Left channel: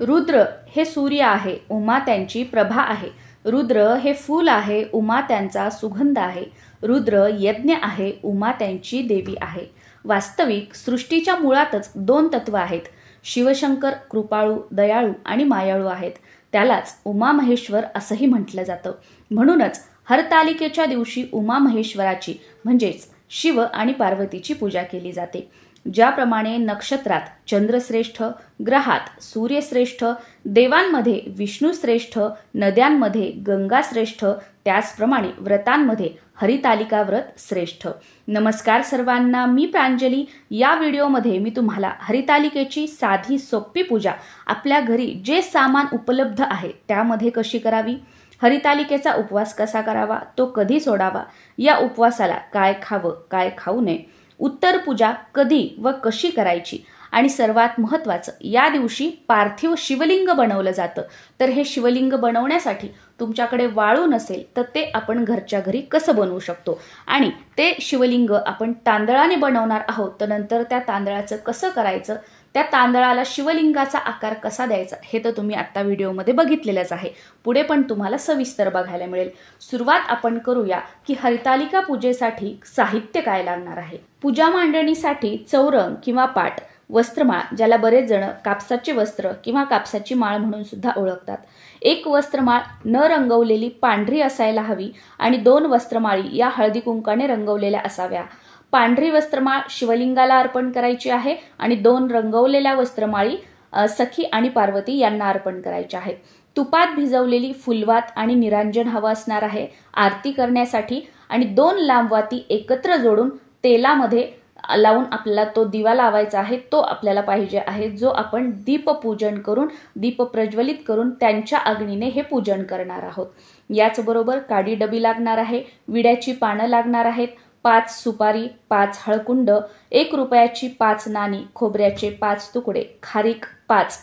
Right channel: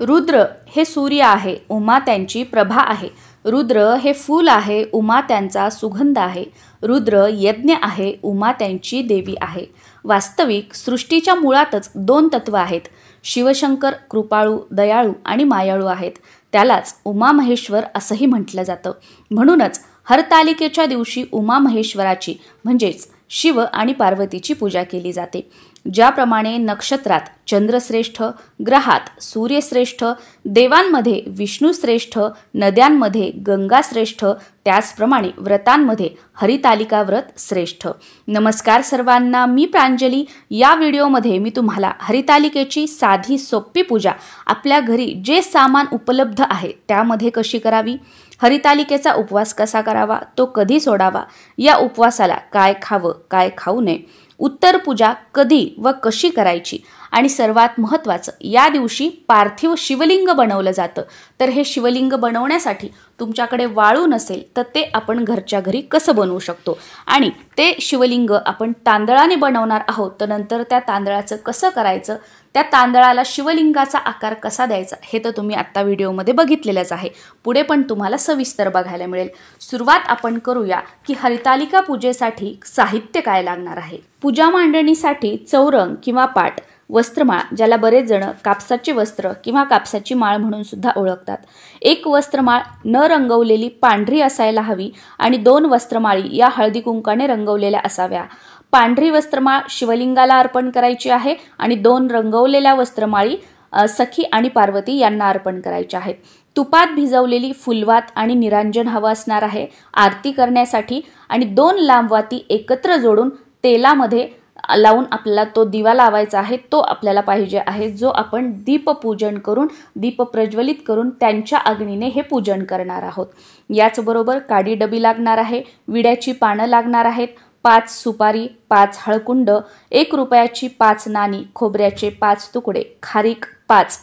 रुद्र हे सूर्य आहे, उमा त्यांची प्रभा आहे. रुद्र हे फूल आहे, उमा त्यांचा सुगंध आहे. रुद्र यज्ञ आहे, उमा त्यांची देवी आहे. वास्तविक सृष्टीच्या मुळातच दोन तत्व आहेत. शिवशंकर कृपाळू, दयाळू आणि मायाळू आहेत. त्यालाच उमा महेश्वर असंही म्हटलं जातं. म्हणूनच हरतालिकेच्या दिवशी उमा महेश्वराची म्हणजेच शिव आणि पार्वतीची पूजा केली जाते. ज्याप्रमाणे नक्षत्रात चंद्रश्रेष्ठ, ग्रहात सूर्यश्रेष्ठ, देवांमध्ये विष्णुश्रेष्ठ, नद्यांमध्ये गंगाश्रेष्ठ, त्याचप्रमाणे व्रतांमध्ये हरितालिका व्रत श्रेष्ठ. नमस्कार सर्वांना, मी प्रांजली. या व्हिडिओमध्ये मी तुम्हाला हरितालिकेची साधी सोपी पूजा आपल्या घरी जे सामान उपलब्ध आहे त्यामध्ये कशी करावी, हरितालिकेचा उपवास कसा करावा, तो कधी सोडावा, या उपवासाला काय खावं काय खाऊ नये, उत्तर पूजा कधी व कशी करायची, आणि सर्वात महत्त्वाचं या दिवशी पार्थिव शिवलिंग बनवलं जातं. तर हे शिवलिंग बनवण्यासाठी तुमच्याकडे वाळू नसेल तर ते आपण घरच्या घरी कसं बनवू शकतो, आणि ते शिवलिंग आपण तांदळाने बनवणार आहोत तर नंतर त्या तांदळाचं कसं करायचं, त्या तांदळाला शिवलिंगाचा आकार कसा द्यायचा, हे तर तुम्ही आत्ता व्हिडिओमध्ये बघितलेलंच आहे. पुढे पण तुम्हाला सविस्तर बघायला मिळेल. सुरुवात आपण करूया की हरितालिका पूजेसाठी साहित्य काय लागणार आहे. पूजा मांडणीसाठी चौरंग किंवा पाट, वस्त्रमाळ ज्याला बरेच जण कापसाचे वस्त्र किंवा कापसाची माळ म्हणून सुद्धा ओळखतात. एक वस्त्रमाळ न रंगवलेली पांढरी असायला हवी आणि 2 वस्त्रमाळी या हळदी कुंकाने रंगवलेल्या असाव्या. पांढरी वस्त्रमाळ शिवलिंगाला अर्पण करायची आहे आणि 2 रंगवलेल्या वस्त्रमाळी सखी आणि पार्वती यांना अर्पण करायच्या आहेत. तुपात भिजवलेली फुलवात आणि निरांजन हवं असणार आहे आरती करण्यासाठी, आणि 2 लांब वाती एकत्र जोडून तेलामध्ये लावून आपल्याला तो दिवा लावायचा आहे. तो आपल्याला पाहिजे आहे, जो आपण दीपपूजन करून दीप प्रज्वलित करून त्यांच्या अग्नीने हे पूजन करणार आहोत. याचबरोबर काडी डबी लागणार आहे, विड्याची पानं लागणार आहेत, 5 सुपारी, 5 हळकुंड, 1 रुपयाची 5 नाणी, खोबऱ्याचे 5 तुकडे, खारीक 5,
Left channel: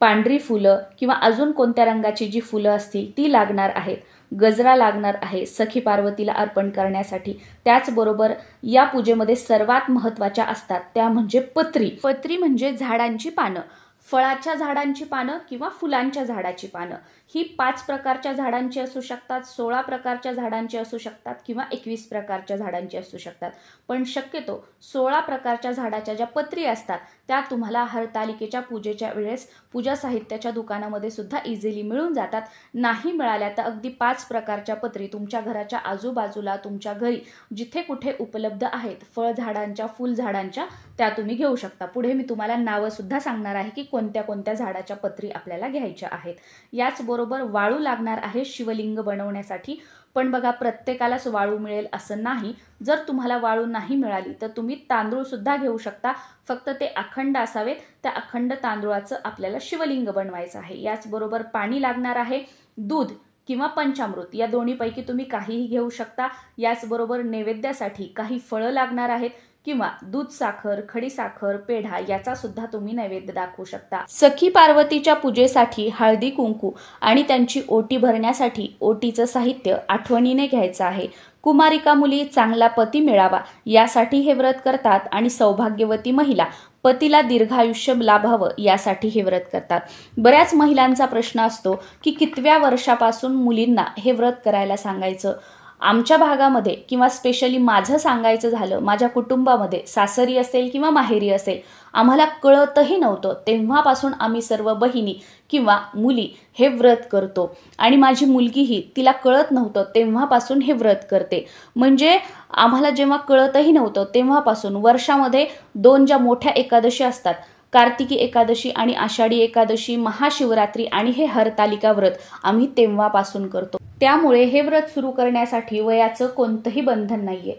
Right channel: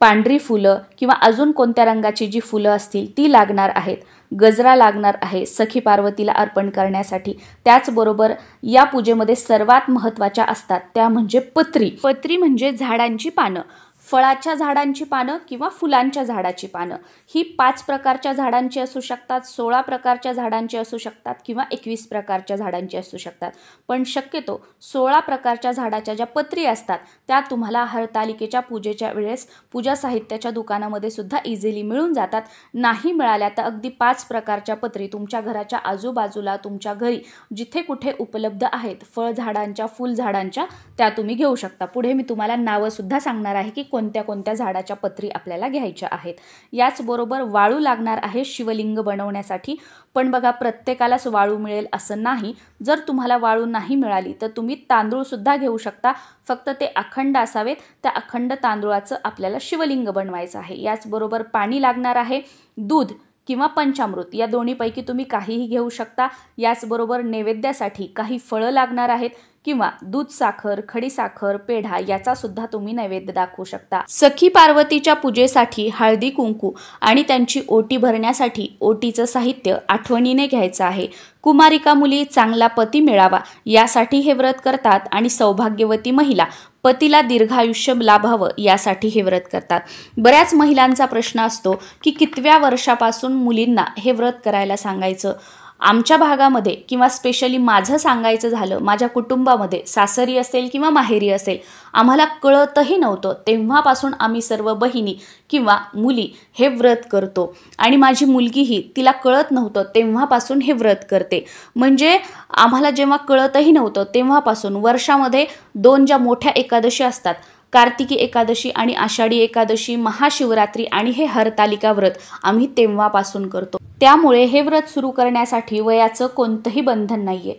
पांढरी फुलं किंवा अजून कोणत्या रंगाची जी फुलं असतील ती लागणार आहेत, गजरा लागणार आहे सखी पार्वतीला अर्पण करण्यासाठी. त्याचबरोबर या पूजेमध्ये सर्वात महत्त्वाच्या असतात त्या म्हणजे पत्री. पत्री म्हणजे झाडांची पानं, फळाच्या झाडांची पानं किंवा फुलांच्या झाडाची पानं. ही 5 प्रकारच्या झाडांची असू शकतात, 16 प्रकारच्या झाडांची असू शकतात किंवा 21 प्रकारच्या झाडांची असू शकतात. पण शक्यतो 16 प्रकारच्या झाडाच्या ज्या पत्री असतात त्या तुम्हाला हरतालिकेच्या पूजेच्या वेळेस पूजा साहित्याच्या दुकानामध्ये सुद्धा इझिली मिळून जातात. नाही मिळाल्या तर अगदी 5 प्रकारच्या पत्री तुमच्या घराच्या आजूबाजूला तुमच्या घरी जिथे कुठे उपलब्ध आहेत फळ झाडांच्या, फुल झाडांच्या, त्या तुम्ही घेऊ शकता. पुढे मी तुम्हाला नावं सुद्धा सांगणार आहे की कोणत्या कोणत्या झाडाच्या पत्री आपल्याला घ्यायच्या आहेत. याचबरोबर वाळू लागणार आहे शिवलिंग बनवण्यासाठी. पण बघा, प्रत्येकालाच वाळू मिळेल असं नाही. जर तुम्हाला वाळू नाही मिळाली तर तुम्ही तांदूळ सुद्धा घेऊ शकता, फक्त ते अखंड असावेत. त्या अखंड तांदूळाचं आपल्याला शिवलिंग बनवायचं आहे. याचबरोबर पाणी लागणार आहे, दूध किंवा पंचामृत या दोन्हीपैकी तुम्ही काहीही घेऊ शकता. याचबरोबर नैवेद्यासाठी काही फळं लागणार आहेत किंवा दूध साखर, खडी साखर, पेढा याचा सुद्धा तुम्ही नैवेद्य दाखवू शकता. सखी पार्वतीच्या पूजेसाठी हळदी कुंकू आणि त्यांची ओटी भरण्यासाठी ओटीचं साहित्य आठवणीने घ्यायचं आहे. कुमारिका मुली चांगला पती मिळावा यासाठी हे व्रत करतात आणि सौभाग्यवती महिला पतीला दीर्घायुष्य लाभावं यासाठी हे व्रत करतात. बऱ्याच महिलांचा प्रश्न असतो की कितव्या वर्षापासून मुलींना हे व्रत करायला सांगायचं. आमच्या भागामध्ये किंवा स्पेशली माझं सांगायचं झालं, माझ्या कुटुंबामध्ये सासरी असेल किंवा माहेरी असेल, आम्हाला कळतही नव्हतं तेव्हापासून आम्ही सर्व बहिणी किंवा मुली हे व्रत करतो. आणि माझी मुलगीही, तिला कळत नव्हतं तेव्हापासून हे व्रत करते. म्हणजे आम्हाला जेव्हा कळतही नव्हतं तेव्हापासून वर्षामध्ये 2 ज्या मोठ्या एकादशी असतात, कार्तिकी एकादशी आणि आषाढी एकादशी, महाशिवरात्री आणि हे हरतालिका व्रत आम्ही तेव्हापासून करतो. त्यामुळे हे व्रत सुरू करण्यासाठी वयाचं कोणतंही बंधन नाहीये.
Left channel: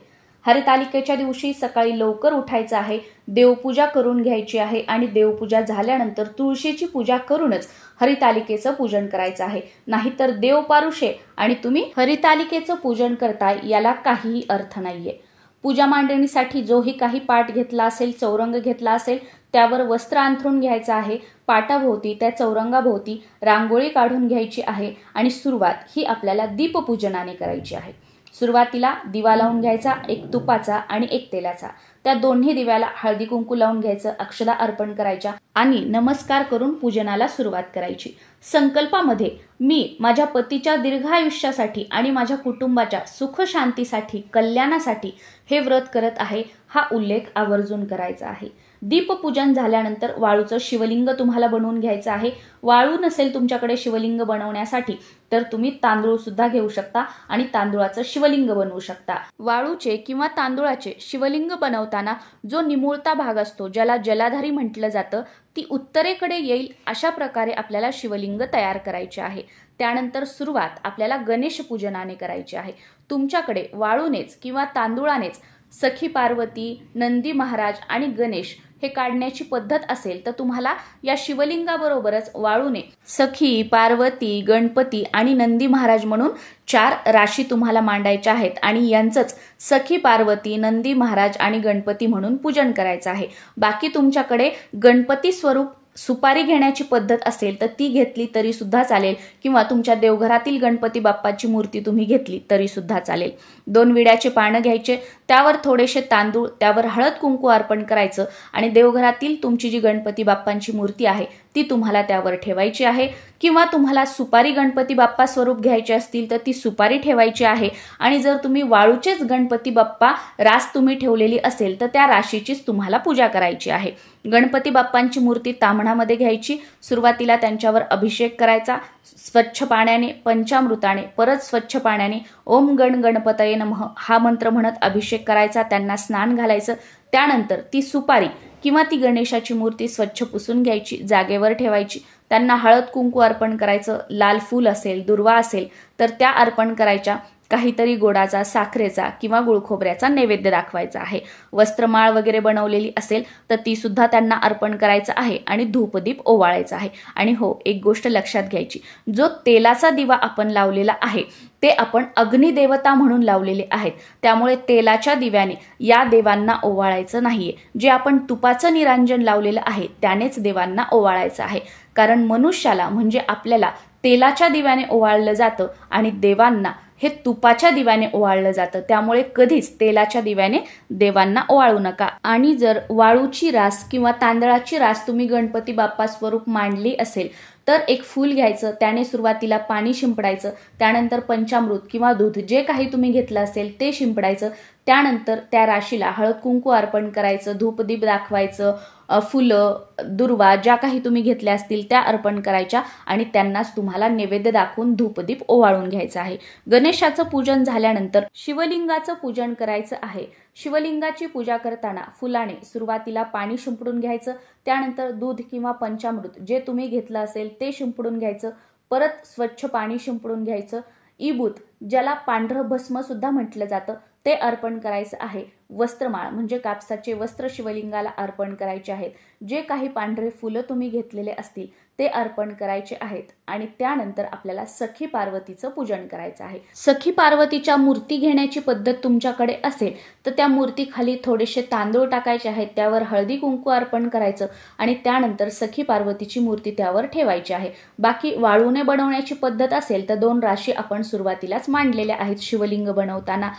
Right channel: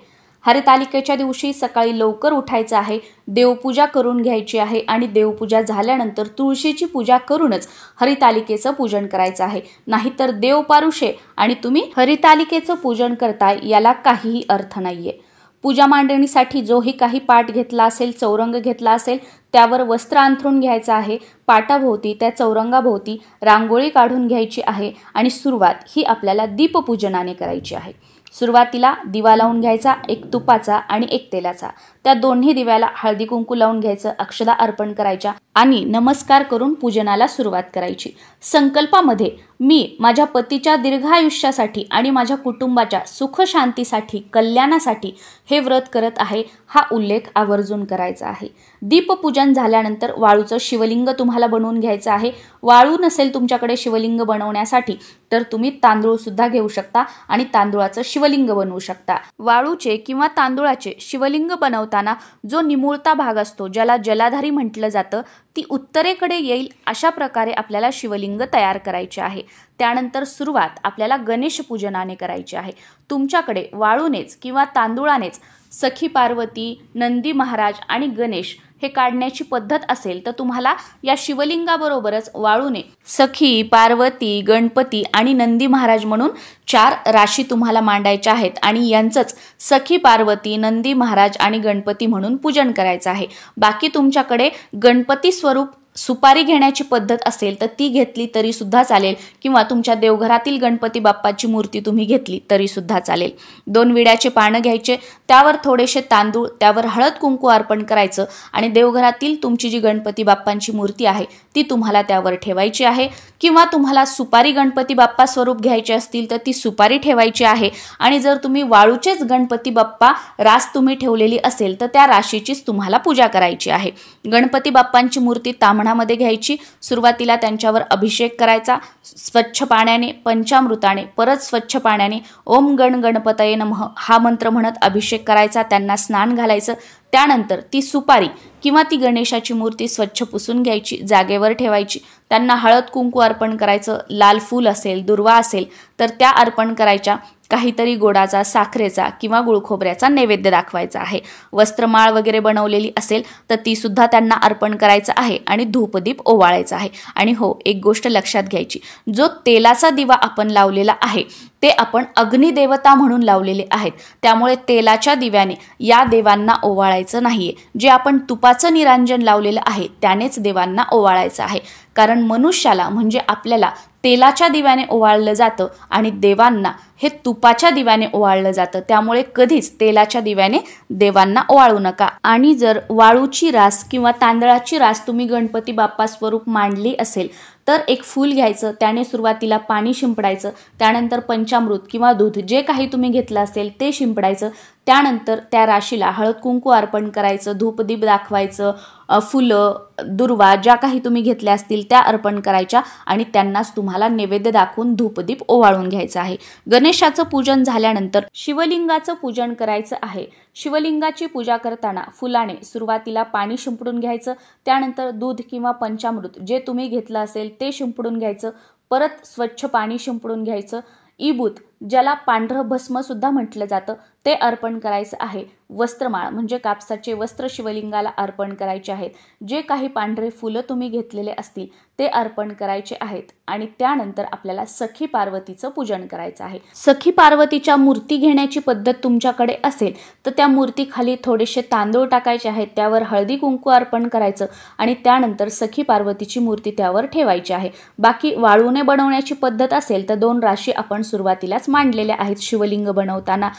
हरतालिकेच्या दिवशी सकाळी लवकर उठायचं आहे, देवपूजा करून घ्यायची आहे आणि देवपूजा झाल्यानंतर तुळशीची पूजा करूनच हरितालिकेचं पूजन करायचं आहे. नाहीतर देवपारुषे आणि तुम्ही हरितालिकेचं पूजन करताय याला काहीही अर्थ नाहीये. पूजा मांडणीसाठी जोही काही पाट घेतला असेल, चौरंग घेतला असेल, त्यावर वस्त्र अंथरून घ्यायचं आहे. पाटाभोवती, त्या चौरंगाभोवती रांगोळी काढून घ्यायची आहे आणि सुरुवात ही आपल्याला दीपपूजनाने करायची आहे. सुरुवातीला दिवा लावून घ्यायचा, 1 तुपाचा आणि 1 तेलाचा. त्या दोन्ही दिव्याला हळदी कुंकू लावून घ्यायचं, अक्षदा अर्पण करायच्या आणि नमस्कार करून पूजनाला सुरुवात करायची। संकल्पामध्ये मी माझ्या पतीच्या दीर्घायुष्यासाठी आणि माझ्या कुटुंबाच्या सुख शांतीसाठी, कल्याणासाठी हे व्रत करत आहे, हा उल्लेख आवर्जून करायचा आहे। दीपपूजन झाल्यानंतर वाळूचं शिवलिंग तुम्हाला बनवून घ्यायचं आहे। वाळू नसेल तुमच्याकडे शिवलिंग बनवण्यासाठी तर तुम्ही तांदूळ सुद्धा घेऊ शकता आणि तांदूळाचं शिवलिंग बनवू शकता। वाळूचे किंवा तांदूळाचे शिवलिंग बनवताना जो निमुळता भाग असतो, ज्याला जलाधारी म्हटलं जातं, ती उत्तरेकडे येईल अशा प्रकारे आपल्याला शिवलिंग तयार करायचे आहे। त्यानंतर सुरुवात आपल्याला गणेश पूजनाने करायची आहे। तुमच्याकडे वाळूनेच किंवा तांदूळानेच सखी पार्वती, नंदी महाराज आणि गणेश हे काढण्याची पद्धत असेल तर तुम्हाला या शिवलिंगाबरोबरच वाळूने सखी, पार्वती, गणपती आणि नंदी महाराज म्हणून 4 राशी तुम्हाला मांडायच्या आहेत आणि यांचंच सखी, पार्वती, नंदी महाराज आणि गणपती म्हणून पूजन करायचं आहे। बाकी तुमच्याकडे गणपती स्वरूप सुपारी घेण्याची पद्धत असेल तर ती घेतली तरी सुद्धा चालेल किंवा तुमच्या देवघरातील गणपती बाप्पाची मूर्ती तुम्ही घेतली तरी सुद्धा चालेल। 2 विड्याचे पानं घ्यायचे, त्यावर थोडेसे तांदूळ, त्यावर हळद कुंकू अर्पण करायचं आणि देवघरातील तुमची जी गणपती बाप्पांची मूर्ती आहे ती तुम्हाला त्यावर ठेवायची आहे किंवा तुम्हाला सुपारी गणपती बाप्पा स्वरूप घ्यायचे असतील तर ती सुपारी ठेवायची आहे आणि जर तुम्ही वाळूचेच गणपती बाप्पा रास तुम्ही ठेवलेली असेल तर त्या राशीचीच तुम्हाला पूजा करायची आहे। गणपती बाप्पांची मूर्ती ताम्हणामध्ये घ्यायची, सुरुवातीला त्यांच्यावर अभिषेक करायचा, स्वच्छ पाण्याने, पंचामृताने, परत स्वच्छ पाण्याने ओम गण गणपतये नमः हा मंत्र म्हणत अभिषेक करायचा, त्यांना स्नान घालायचं। त्यानंतर ती सुपारी किंवा ती गणेशाची मूर्ती स्वच्छ पुसून घ्यायची, जागेवर ठेवायची, त्यांना हळद कुंकू अर्पण करायचं, लाल फूल असेल, दुर्वा असेल तर त्या अर्पण करायच्या, काहीतरी गोडाचा, साखरेचा किंवा गुळखोबऱ्याचा नैवेद्य दाखवायचा आहे। वस्त्रमाळ वगैरे बनवलेली असेल तर ती सुद्धा त्यांना अर्पण करायचं आहे आणि धूपदीप ओवाळायचा आहे। आणि हो, एक गोष्ट लक्षात घ्यायची, जो तेलाचा दिवा आपण लावलेला आहे ते आपण अग्निदेवता म्हणून लावलेले आहेत, त्यामुळे तेलाच्या दिव्याने या देवांना ओवाळायचं नाहीये। जे आपण तुपाचं निरांजन लावलेलं आहे त्यानेच देवांना ओवाळायचं आहे, कारण मनुष्याला म्हणजे आपल्याला तेलाच्या दिव्याने ओवाळलं जातं आणि देवांना हे तुपाच्या दिव्याने ओवाळलं जातं, त्यामुळे कधीच तेलाच्या दिव्याने देवांना ओवाळू नका। आणि जर वाळूची रास किंवा तांदळाची रास तुम्ही गणपती बाप्पा स्वरूप मांडली असेल तर एक फूल घ्यायचं, त्याने सुरुवातीला पाणी शिंपडायचं, त्यानंतर पंचामृत किंवा दूध जे काही तुम्ही घेतलं असेल ते शिंपडायचं, त्यानंतर त्या राशीला हळद कुंकू अर्पण करायचं, धूपदीप दाखवायचं, फुलं, दुर्वा ज्या काही तुम्ही घेतल्या असतील त्या अर्पण करायच्या आणि त्यांनाच तुम्हाला नैवेद्य दाखवून धूपदीप ओवाळून घ्यायचं आहे। गणेशाचं पूजन झाल्यानंतर शिवलिंगाचं पूजन करायचं आहे। शिवलिंगाची पूजा करताना फुलाने सुरुवातीला पाणी शिंपडून घ्यायचं, त्यानंतर दूध किंवा पंचामृत जे तुम्ही घेतलं असेल ते शिंपडून घ्यायचं, परत स्वच्छ पाणी शिंपडून घ्यायचं, इबूत ज्याला पांढरं भस्म सुद्धा म्हटलं जातं ते अर्पण करायचं आहे। वस्त्रमाळ म्हणजे कापसाचे वस्त्र शिवलिंगाला अर्पण करायचे आहेत, जे काही पांढरे फुलं तुम्ही घेतलेले असतील ते अर्पण करायचे आहेत आणि त्यानंतर आपल्याला सखी पार्वतीचं पूजन करायचं आहे। सखी पार्वतीच्या मूर्ती घेण्याची पद्धत तुमच्याकडे असेल तर त्या मूर्तीखाली थोडेसे तांदूळ टाकायचे आहेत, त्यावर हळदी कुंकू अर्पण करायचं आणि त्यानंतर सखी पार्वतीची मूर्ती त्यावर ठेवायची आहे। बाकी वाळूने बनवण्याची पद्धत असेल तर 2 राशी आपण सुरुवातीलाच मांडलेल्या आहेत शिवलिंग बनवताना,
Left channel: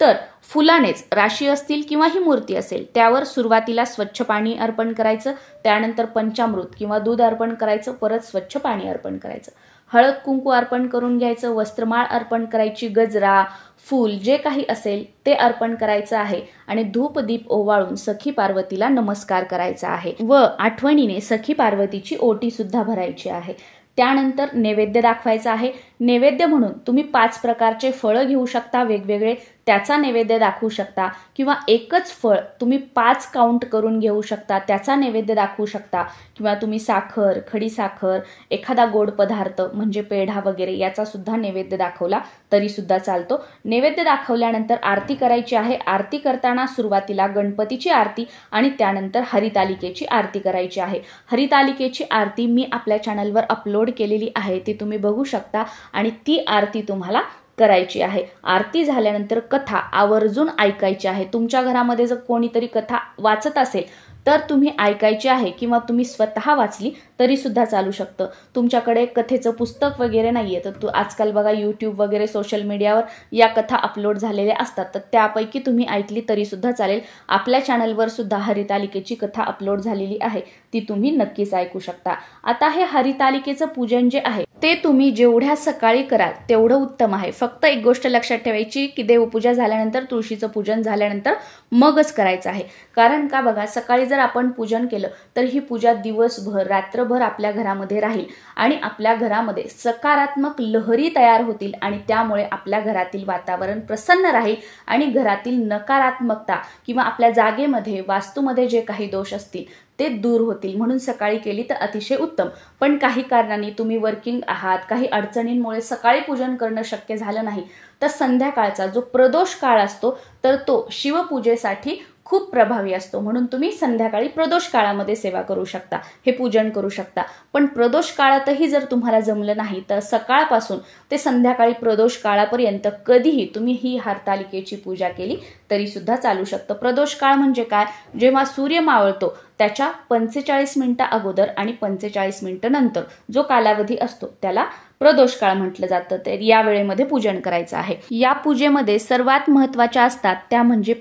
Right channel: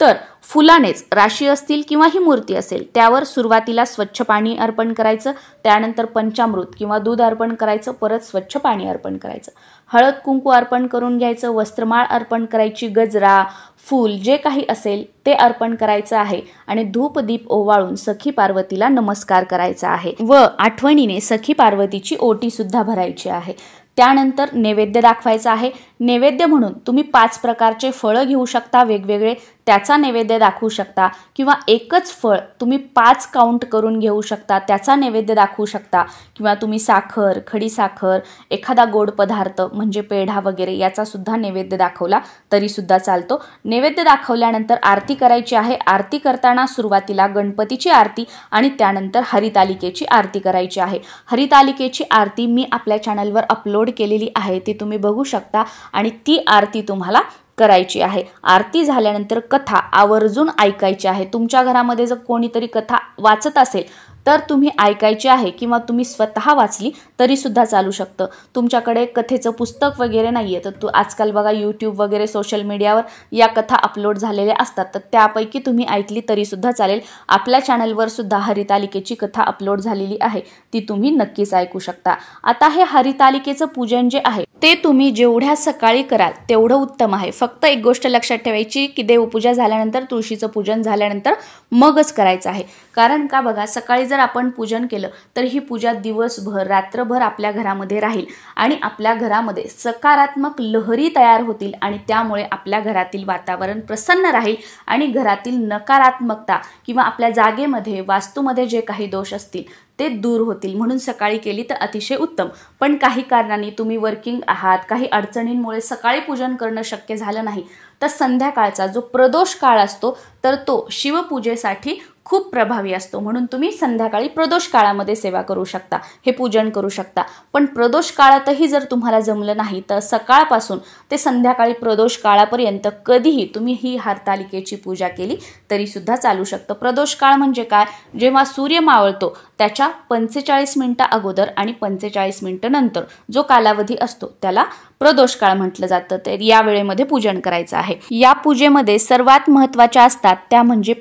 तर फुलानेच राशी असतील किंवा ही मूर्ती असेल त्यावर सुरुवातीला स्वच्छ पाणी अर्पण करायचं, त्यानंतर पंचामृत किंवा दूध अर्पण करायचं, परत स्वच्छ पाणी अर्पण करायचं, हळद कुंकू अर्पण करून घ्यायचं, वस्त्रमाळ अर्पण करायची, गजरा, फूल जे काही असेल ते अर्पण करायचं आहे आणि धूपदीप ओवाळून सखी पार्वतीला नमस्कार करायचा आहे व आठवणीने सखी पार्वतीची ओटी सुद्धा भरायची आहे। त्यानंतर नैवेद्य दाखवायचा आहे। नैवेद्य म्हणून तुम्ही 5 प्रकारचे फळं घेऊ शकता वेगवेगळे, त्याचा नैवेद्य दाखवू शकता किंवा एकच फळ तुम्ही 5 काउंट करून घेऊ शकता, त्याचा नैवेद्य दाखवू शकता किंवा तुम्ही साखर, खडी साखर, एखादा गोड पदार्थ म्हणजे पेढा वगैरे याचा सुद्धा नैवेद्य दाखवला तरी सुद्धा चालतो। नैवेद्य दाखवल्यानंतर आरती करायची आहे। आरती करताना सुरुवातीला गणपतीची आरती आणि त्यानंतर हरितालिकेची आरती करायची आहे। हरितालिकेची आरती मी आपल्या चॅनलवर अपलोड केलेली आहे, ती तुम्ही बघू शकता आणि ती आरती तुम्हाला करायची आहे। आरती झाल्यानंतर कथा आवर्जून ऐकायची आहे। तुमच्या घरामध्ये जर कोणीतरी कथा वाचत असेल तर तुम्ही ऐकायची आहे किंवा तुम्ही स्वतः वाचली तरी सुद्धा चालू शकतं. तुमच्याकडे कथेचं पुस्तक वगैरे नाहीये तर आजकाल बघा यूट्यूब वगैरे सोशल मीडियावर या कथा अपलोड झालेल्या असतात, तर त्यापैकी तुम्ही ऐकली तरी सुद्धा चालेल. आपल्या चॅनलवर सुद्धा हरितालिकेची कथा अपलोड झालेली आहे, ती तुम्ही नक्कीच ऐकू शकता. आता हे हरितालिकेचं पूजन जे आहे ते तुम्ही जेवढ्या सकाळी कराल तेवढं उत्तम आहे. फक्त एक गोष्ट लक्षात ठेवायची की देवपूजा झाल्यानंतर, तुळशीचं पूजन झाल्यानंतर मगच करायचं आहे. कारण का बघा, सकाळी जर आपण पूजन केलं तर ही पूजा दिवसभर रात्रभर आपल्या घरामध्ये राहील आणि आपल्या घरामध्ये सकारात्मक लहरी तयार होतील आणि त्यामुळे आपल्या घरातील वातावरण प्रसन्न राहील आणि घरातील नकारात्मकता किंवा आपल्या जागेमध्ये वास्तूमध्ये जे काही दोष असतील ते दूर होतील. म्हणून सकाळी केली तर अतिशय उत्तम. पण काही कारणांनी तुम्ही वर्किंग आहात, काही अडचणींमुळे सकाळी पूजन करणं शक्य झालं नाही, तर संध्याकाळचा जो प्रदोष काळ असतो तर तो शिवपूजेसाठी खूप प्रभावी असतो. म्हणून तुम्ही संध्याकाळी प्रदोष काळामध्ये सेवा करू शकता, हे पूजन करू शकता. पण प्रदोष काळातही जर तुम्हाला जमलं नाही तर सकाळपासून ते संध्याकाळी प्रदोष काळापर्यंत कधीही तुम्ही ही हरतालिकेची पूजा केली तरी सुद्धा चालू शकतं. प्रदोष काळ म्हणजे काय? जेव्हा सूर्य मावळतो त्याच्या 45 मिनिटं अगोदर आणि 45 मिनिटं नंतर जो कालावधी असतो त्याला प्रदोष काळ म्हटलं जातं. तर या वेळेमध्ये पूजन करायचं आहे. या पूजेमध्ये सर्वात महत्त्वाच्या असतात त्या म्हणजे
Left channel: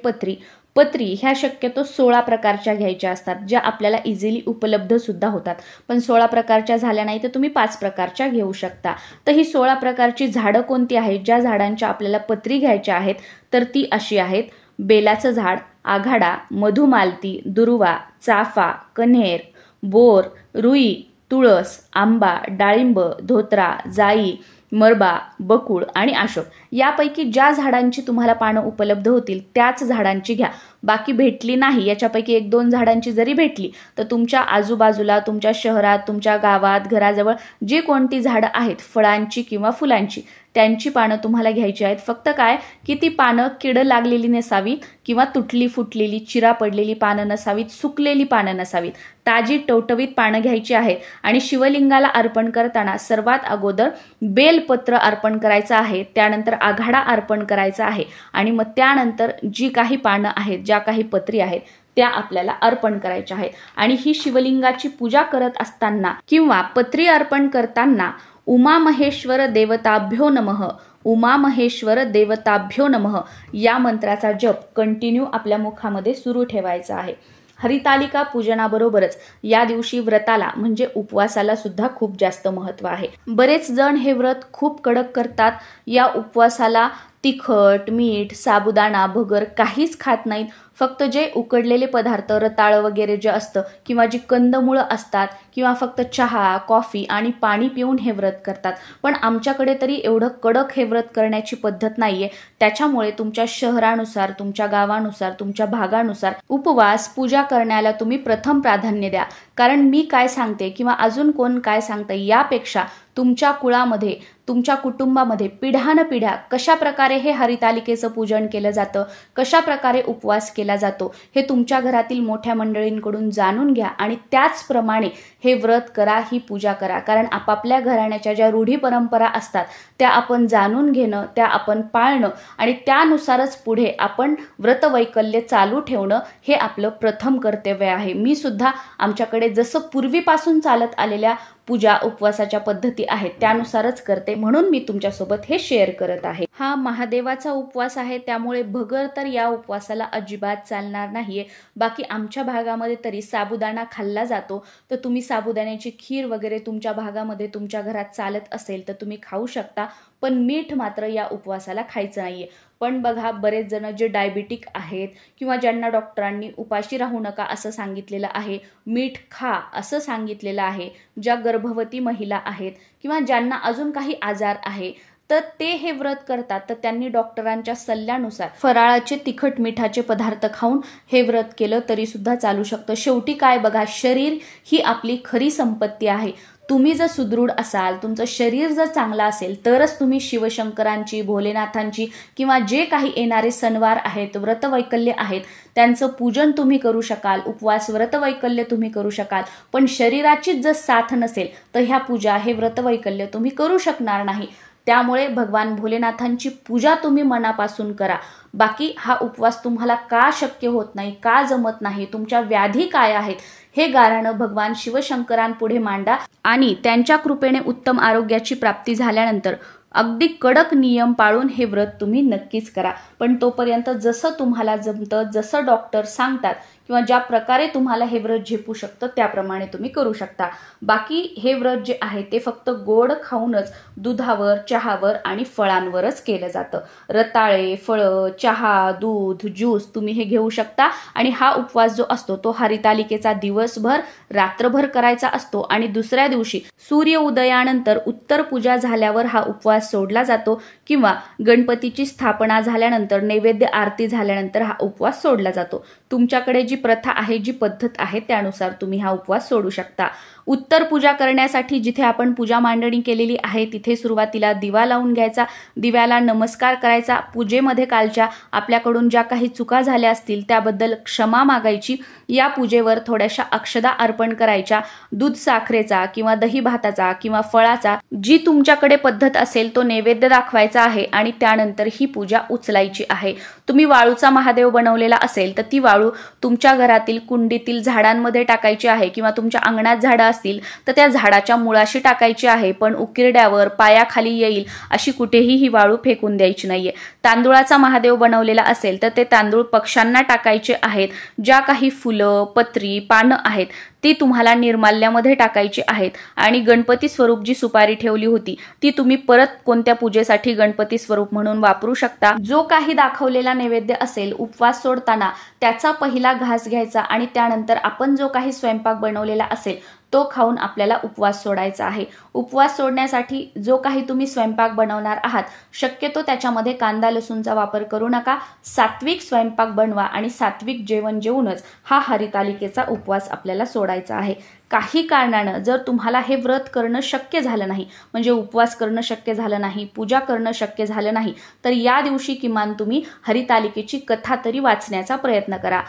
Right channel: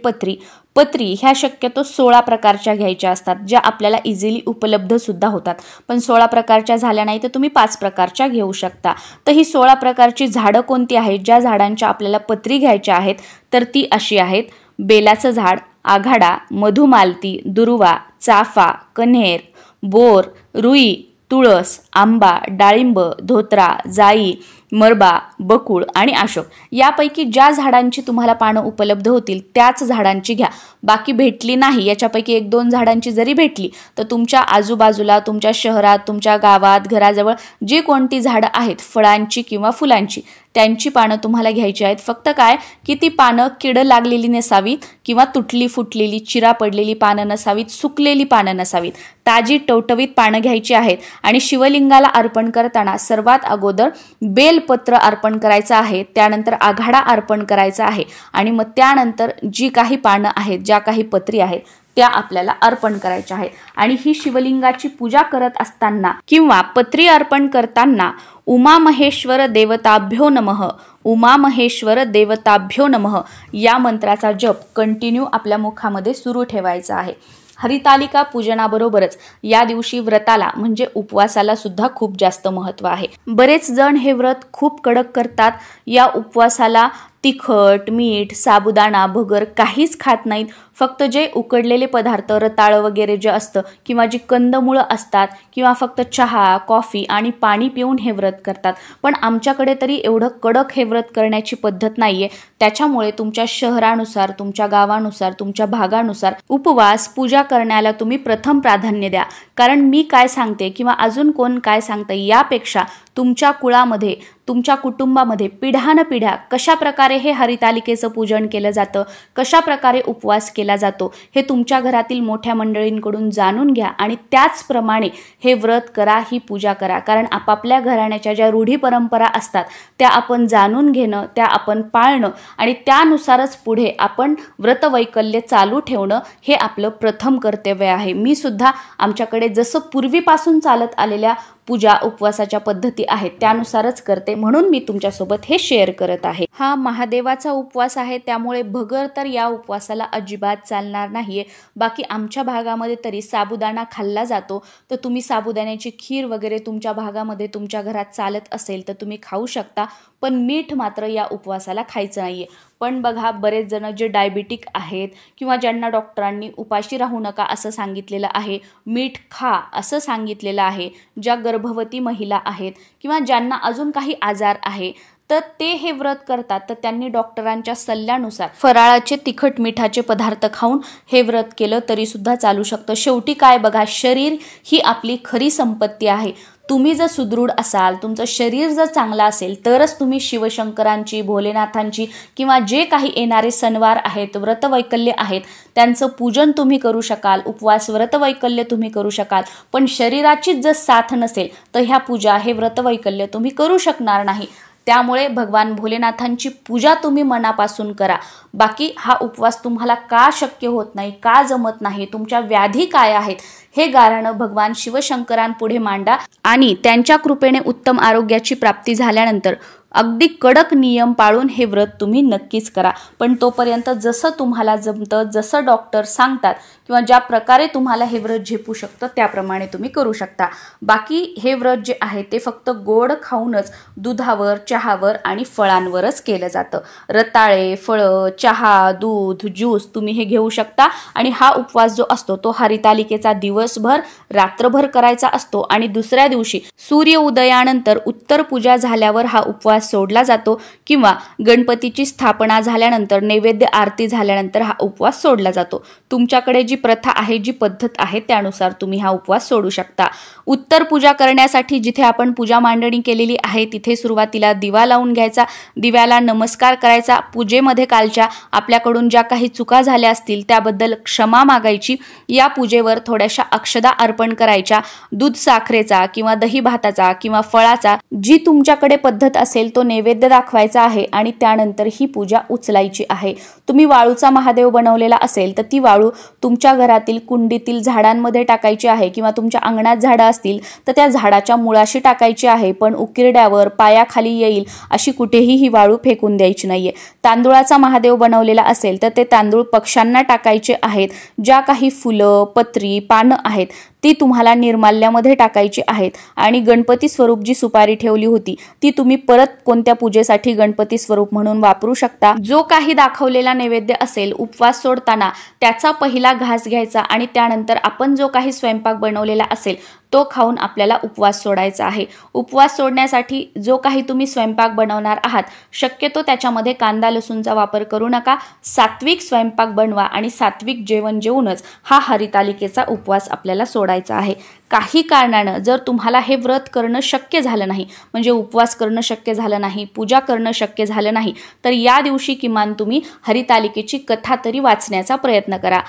पत्री ह्या शक्यतो 16 प्रकारच्या घ्यायच्या असतात, ज्या आपल्याला इझिली उपलब्ध सुद्धा होतात. पण 16 प्रकारच्या झाल्या नाही तर तुम्ही 5 प्रकारच्या घेऊ शकता. तर ही 16 प्रकारची झाडं कोणती आहेत, ज्या झाडांच्या आपल्याला पत्री घ्यायच्या आहेत तर ती अशी आहेत: बेलाचं झाड, आघाडा, मधुमालती, दुर्वा, चाफा, कन्हेर, बोर, रुई, तुळस, आंबा, डाळिंब, धोत्रा, जाई, मरबा, बकुळ आणि अशोक. यापैकी ज्या झाडांची तुम्हाला पानं उपलब्ध होतील त्याच झाडांची घ्या. बाकी भेटली नाही, याच्यापैकी 1-2 झाडांची जरी भेटली तर तुमच्या आजूबाजूला, तुमच्या शहरात, तुमच्या गावात, घराजवळ जी कोणती झाडं आहेत फळांची किंवा फुलांची त्यांची पानं तुम्हाला घ्यायची आहेत. फक्त काय की ती पानं किड लागलेली नसावीत किंवा तुटली फुटलेली चिरा पडलेली पानं नसावीत, सुकलेली पानं नसावीत, ताजी टवटवीत पानं घ्यायची आहेत. आणि शिवलिंगाला अर्पण करताना सर्वात अगोदर बेलपत्र अर्पण करायचं आहे, त्यानंतर आघाडा अर्पण करायचा आहे आणि मग त्यानंतर जी काही पानं आहेत, ज्या काही पत्री आहेत त्या आपल्याला अर्पण करायच्या आहेत. आणि ही शिवलिंगाची पूजा करत असताना किंवा पत्री अर्पण करताना उमामहेश्वर देवताभ्यो नमः, उमामहेश्वर देवताभ्यो नमः या मंत्राचा जप कंटिन्यू आपल्या मुखामध्ये सुरू ठेवायचा आहे. हरितालिका पूजनाबरोबरच या दिवशी व्रताला म्हणजे उपवासाला सुद्धा खूप जास्त महत्त्व आहे. बरेच जण हे व्रत खूप कडक करतात. या उपवासाला तिखट, मीठ, साबुदाणा, भगर काहीच खात नाहीत. फक्त जे उकडलेले पदार्थ, रताळ वगैरे जे असतं किंवा जी कंदमुळं असतात किंवा फक्त चहा, कॉफी आणि पाणी पिऊन हे व्रत करतात. पण आमच्याकडे तरी एवढं कडक हे व्रत करण्याची पद्धत नाहीये. त्याच्यामुळे तुमच्या शहरानुसार, तुमच्या गावानुसार, तुमच्या भागानुसार उपवास पूजा करण्याला तुम्ही प्रथम प्राधान्य द्या. कारण मी काय सांगते किंवा अजून कोण काय सांगते यापेक्षा तुमच्या कुळामध्ये, तुमच्या कुटुंबामध्ये पिढ्यानपिढ्या कशा प्रकारे हे हरितालिकेचं पूजन केलं जातं, कशा प्रकारे उपवास केला जातो हे तुमच्या घरातील मोठ्या मंडळींकडून जाणून घ्या आणि त्याचप्रमाणे हे व्रत करा, ही पूजा करा. कारण आपापल्या घराण्याच्या ज्या रूढी परंपरा असतात त्या आपण जाणून घेणं, त्या आपण पाळणं आणि त्यानुसारच पुढे आपण व्रतवैकल्य चालू ठेवणं हे आपलं प्रथम कर्तव्य आहे. मी सुद्धा आमच्याकडे जसं पूर्वीपासून चालत आलेल्या पूजा उपवासाच्या पद्धती आहेत त्यानुसारच करते, म्हणून मी तुमच्यासोबत हे शेअर करत आहे. हा महादेवाचा उपवास आहे त्यामुळे भगर तर या उपवासाला अजिबात चालणार नाहीये. बाकी आमच्या भागामध्ये तरी साबुदाणा खाल्ला जातो, तर तुम्ही साबुदाण्याची खीर वगैरे तुमच्या भागामध्ये तुमच्या घरात चालत असेल तर तुम्ही खाऊ शकता. पण मीठ मात्र या उपवासाला खायचं नाहीये. पण बघा, बरेच जण जे डायबिटिक आहेत किंवा ज्यांना डॉक्टरांनी उपाशी राहू नका असं सांगितलेलं आहे, मीठ खा असं सांगितलेलं आहे, ज्या गर्भवती महिला आहेत किंवा ज्यांना अजून काही आजार आहे तर ते हे व्रत करतात, तर त्यांनी डॉक्टरांच्या सल्ल्यानुसार फराळाचे तिखट मिठाचे पदार्थ खाऊन हे व्रत केलं तरी सुद्धा चालू शकतं. शेवटी काय बघा, शरीर ही आपली खरी संपत्ती आहे. तुम्ही जर सुदृढ असाल, तुमचं शरीर जर चांगलं असेल तरच तुम्ही शिवशंकरांची, भोलेनाथांची किंवा जे काही येणारे सणवार आहेत, व्रतवैकल्य आहेत त्यांचं पूजन तुम्ही करू शकाल, उपवास व्रतवैकल्य तुम्ही करू शकाल. पण शरीराचीच जर साथ नसेल तर ह्या पूजा, हे व्रतवैकल्य तुम्ही करू शकणार नाही. त्यामुळे भगवान भोलेनाथांची पूजा तुम्ही मनापासून करा। बाकी हा उपवास तुम्हाला का शक्य होत नाही, का जमत नाही, तुमच्या व्याधी काय आहेत हे गाऱ्हाणं भगवान शिवशंकरांपुढे मांडा आणि त्यांच्या कृपेने उत्तम आरोग्याची प्राप्ती झाल्यानंतर अगदी कडक नियम पाळून हे व्रत तुम्ही नक्कीच करा। पण तोपर्यंत जसं तुम्हाला जमतं, जसं डॉक्टर सांगतात किंवा ज्या प्रकारे तुम्हाला हे व्रत झेपू शकतं त्याप्रमाणे तुम्ही करू शकता। बाकी हे व्रत जे आहे ते फक्त गोड खाऊनच दुधावर, चहावर आणि फळांवरच केलं जातं। रताळे, फळं, चहा, दूध, ज्यूस तुम्ही हे घेऊ शकता आणि हा उपवास जो असतो तो हरितालिकेचा दिवसभर रात्रभर करायचा असतो आणि दुसऱ्या दिवशी सूर्य उदयानंतर उत्तर पूजा झाल्यावर हा उपवास सोडला जातो किंवा गणपतीची स्थापना झाल्यानंतर नैवेद्य आरती झाल्यानंतर हा उपवास सोडला जातो। तुमच्याकडे जी प्रथा आहे, जी पद्धत आहे त्यानुसार तुम्ही हा उपवास सोडू शकता। उत्तर पूजा करण्यासाठी जिथे आपण पूजा मांडणी केलेली आहे तिथे सुरुवातीला दिवा लावून घ्यायचा, दिव्याला नमस्कार करायचा, पूजेमध्ये कालच्या आपल्याकडून ज्या काही चुका झाल्या असतील त्याबद्दल क्षमा मागायची, या पूजेवर थोड्याशा अक्षदा अर्पण करायच्या, दूध साखरेचा किंवा दही भाताचा किंवा फळाचा जी तुमच्याकडे पद्धत असेल तो नैवेद्य दाखवायचा आहे आणि त्यानंतर ही पूजा उचलायची आहे। तुम्ही वाळूचा महादेव बनवलेला असेल तर ती वाळू तुमच्या घरातील कुंडीतील झाडांमध्ये टाकायची आहे किंवा तुमच्या अंगणात झाडं असतील तर त्या झाडाच्या मुळाशी टाकायची आहे, पण उकिरड्यावर पायाखाली येईल अशी कुठेही ही वाळू फेकून द्यायची नाहीये। तांदूळाचा महादेव बनवलेला असेल तर ते तांदूळ पक्ष्यांना टाकायचे आहेत। ज्या काही फुलं, पत्री, पानं आहेत ती तुम्हाला निर्माल्यामध्ये टाकायची आहेत आणि गणपती स्वरूप जी सुपारी ठेवली होती ती तुम्ही परत कोणत्या पूजेसाठी गणपती स्वरूप म्हणून वापरू शकता। जो काही दाखवलेला नैवेद्य असेल उपवास सोडताना त्याचा पहिला घास घ्यायचा आणि त्यानंतर आपण जो काही स्वयंपाक बनवलेला असेल तो खाऊन आपल्याला उपवास सोडायचा आहे। उपवास सोडण्यासाठी जो काही तुम्ही स्वयंपाक बनवणार आहात शक्यतो त्याच्यामध्ये कांदा लसूणचा वापर करू नका। सात्विक स्वयंपाक बनवा आणि सात्विक जेवण जेवूनच हा हरितालिकेचा उपवास आपल्याला सोडायचा आहे। काही कारणानं जर तुम्हाला हे व्रत करणं शक्य झालं नाही, म्हणजे उपवास करणं शक्य झालं नाही, पूजा करणं शक्य झालं नाही, तर या दिवशी किमान तुम्ही हरितालिकेची कथा तरी वाचण्याचा प्रयत्न करा।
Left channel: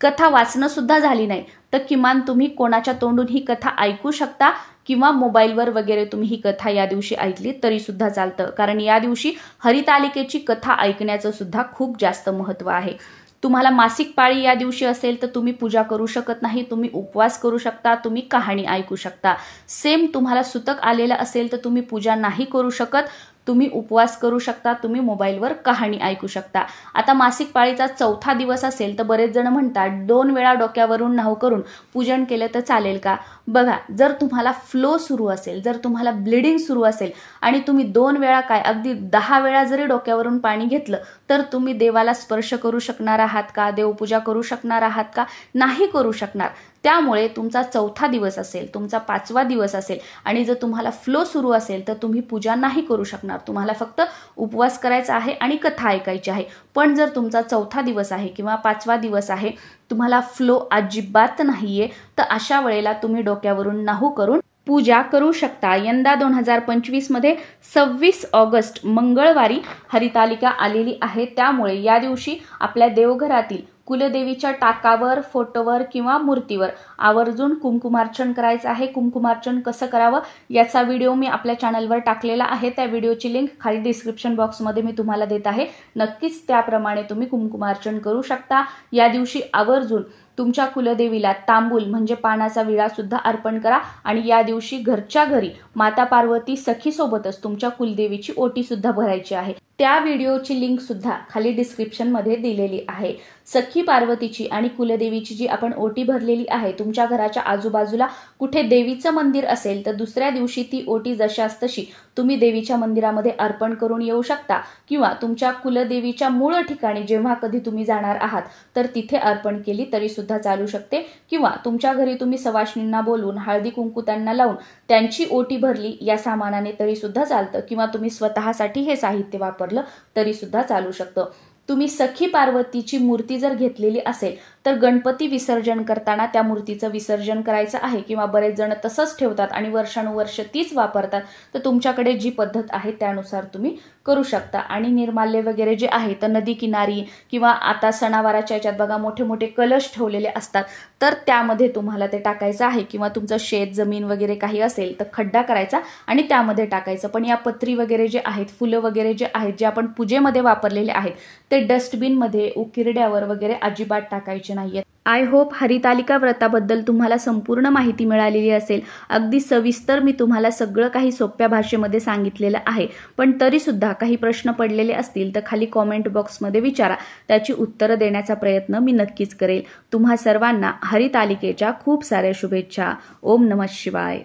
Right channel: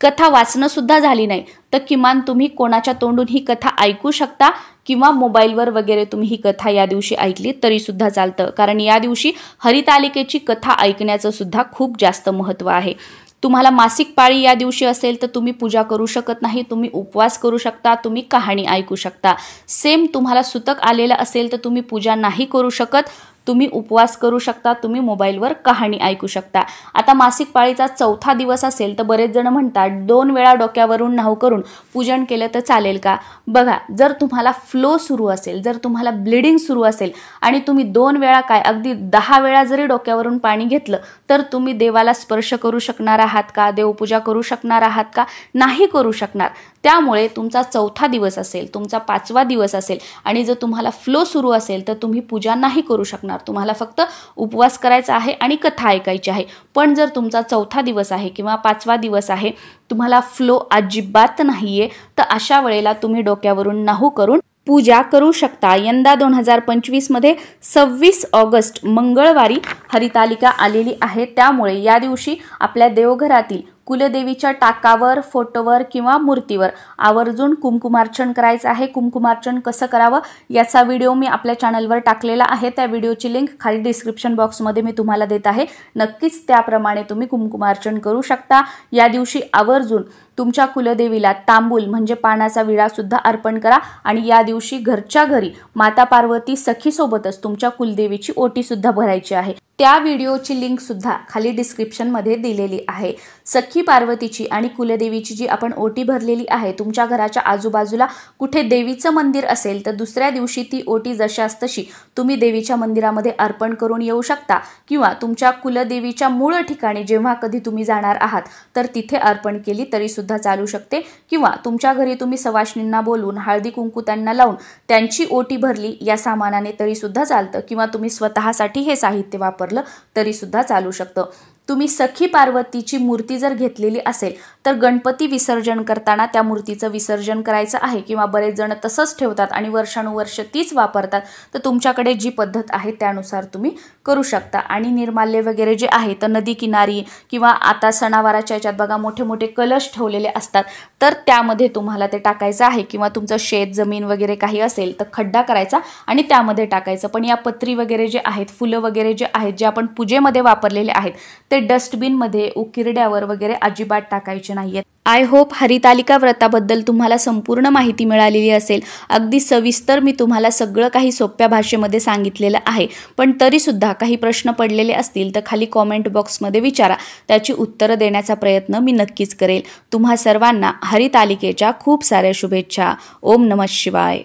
कथा वाचणं सुद्धा झाली नाही तर किमान तुम्ही कोणाच्या तोंडून ही कथा ऐकू शकता किंवा मोबाईलवर वगैरे तुम्ही ही कथा या दिवशी ऐकली तरी सुद्धा चालतं, कारण या दिवशी हरितालिकेची कथा ऐकण्याचं सुद्धा खूप जास्त महत्त्व आहे। तुम्हाला मासिक पाळी या दिवशी असेल तर तुम्ही पूजा करू शकत नाही, तुम्ही उपवास करू शकता, तुम्ही कहाणी ऐकू शकता। सेम तुम्हाला सुतक आलेलं असेल तर तुम्ही पूजा नाही करू शकत, तुम्ही उपवास करू शकता, तुम्ही मोबाईलवर कहाणी ऐकू शकता। आता मासिक पाळीचा चौथा दिवस असेल तर बरेच जण म्हणतात 2 वेळा डोक्यावरून न्हाऊ करून पूजन केलं तर चालेल का? बघा, जर तुम्हाला फ्लो सुरू असेल, जर तुम्हाला ब्लिडिंग सुरू असेल आणि तुम्ही 2 वेळा काय अगदी 10 वेळा जरी डोक्यावरून पाणी घेतलं तर तुम्ही देवाला स्पर्श करू शकणार आहात का? देवपूजा करू शकणार आहात का? नाही करू शकणार। त्यामुळे तुमचा चौथा दिवस असेल, तुमचा 5वा दिवस असेल आणि जर तुम्हाला फ्लो सुरू असेल तर तुम्ही पूजा नाही करू शकणार, तुम्हाला फक्त उपवास करायचा आहे आणि कथा ऐकायची आहे। पण जर तुमचा चौथा दिवस आहे किंवा 5वा दिवस आहे, तुम्हाला फ्लो अजिबात नाहीये, तर अशा वेळेला तुम्ही डोक्यावरून न्हाऊ करून पूजा करू शकता। यंदा 2025 मध्ये 26 ऑगस्ट मंगळवारी हरितालिका आलेली आहे, त्यामुळे या दिवशी आपल्या देवघरातील कुलदेवीच्या टाकावर, फोटोवर किंवा मूर्तीवर आवर्जून कुंकुमार्चन करायचं आहे। कुंकुमार्चन कसं करावं याचा व्हिडिओ मी आपल्या चॅनलवर टाकलेला आहे, त्या व्हिडिओची लिंक खाली डिस्क्रिप्शन बॉक्समध्ये मी तुम्हाला देत आहे। नक्कीच त्याप्रमाणे तुम्ही कुंकुमार्चन करू शकता। या दिवशी आवर्जून तुमच्या कुलदेवीला तांबूल म्हणजे पानाचा विडा सुद्धा अर्पण करा आणि या दिवशी घरच्या घरी माता पार्वती सखीसोबतच तुमच्या कुलदेवीची ओटी सुद्धा भरायची आहे। त्या व्हिडिओची लिंक सुद्धा खाली डिस्क्रिप्शन मध्ये दिलेली आहे। सखी पार्वतीची आणि कुलदेवीची जी आपण ओटी भरलेली आहे, तुमच्या घराच्या आजूबाजूला कुठे देवीचं मंदिर असेल तर दुसऱ्या दिवशी ती ओटी जशास तशी तुम्ही देवीच्या मंदिरामध्ये अर्पण करून येऊ शकता किंवा तुमच्या कुलदेवीच्या मूळ ठिकाणी जेव्हा कधी तुम्ही जाणार आहात तर तिथे अर्पण केली तरी सुद्धा चालू शकते किंवा तुमच्या घरी तुम्ही सवाष्णींना बोलवून हळदी कुंकू त्यांना लावून त्यांची ओटी भरली या सामानाने तरी सुद्धा चालतं किंवा तुम्ही स्वतःसाठी हे साहित्य वापरलं तरी सुद्धा चालू शकतं। तुम्ही सखी पार्वतीची मूर्ती जर घेतलेली असेल तर गणपती विसर्जन करताना त्या मूर्तीचं विसर्जन करायचं आहे किंवा बरेच जण तसंच ठेवतात आणि वर्षानुवर्ष तीच वापरतात, तर तुमच्याकडे जी पद्धत आहे त्यानुसार तुम्ही करू शकता। आणि निर्माल्य वगैरे जे आहे तर नदी किनारी किंवा आता सणावाराच्या याच्यात बघा मोठे मोठे कलश ठेवलेले असतात, तर त्यामध्ये तुम्हाला ते टाकायचं आहे किंवा तुमचं शेत जमीन वगैरे काही असेल तर खड्डा करायचा आणि त्यामध्ये टाकायचं। पण या पत्री वगैरे जे आहेत, फुलं वगैरे जे आहेत, जे आपण पूजेमध्ये वापरलेले आहेत ते डस्टबिनमध्ये उकिरड्यावर वगैरे अजिबात टाकायचे नाहीयेत। आय होप हरितालिका व्रताबद्दल तुम्हाला संपूर्ण माहिती मिळालेली असेल। अगदी सविस्तर मी तुम्हाला सगळं काही सोप्या भाषेमध्ये सांगितलेलं आहे, पण तरीसुद्धा काही प्रश्न पडलेले असतील तर खाली कॉमेंट बॉक्समध्ये विचारा, त्याची उत्तरं देण्याचा प्रयत्न मी नक्कीच करेल। तुम्हा सर्वांना हरितालिकेच्या खूप साऱ्या शुभेच्छा। ओम नमः शिवाय।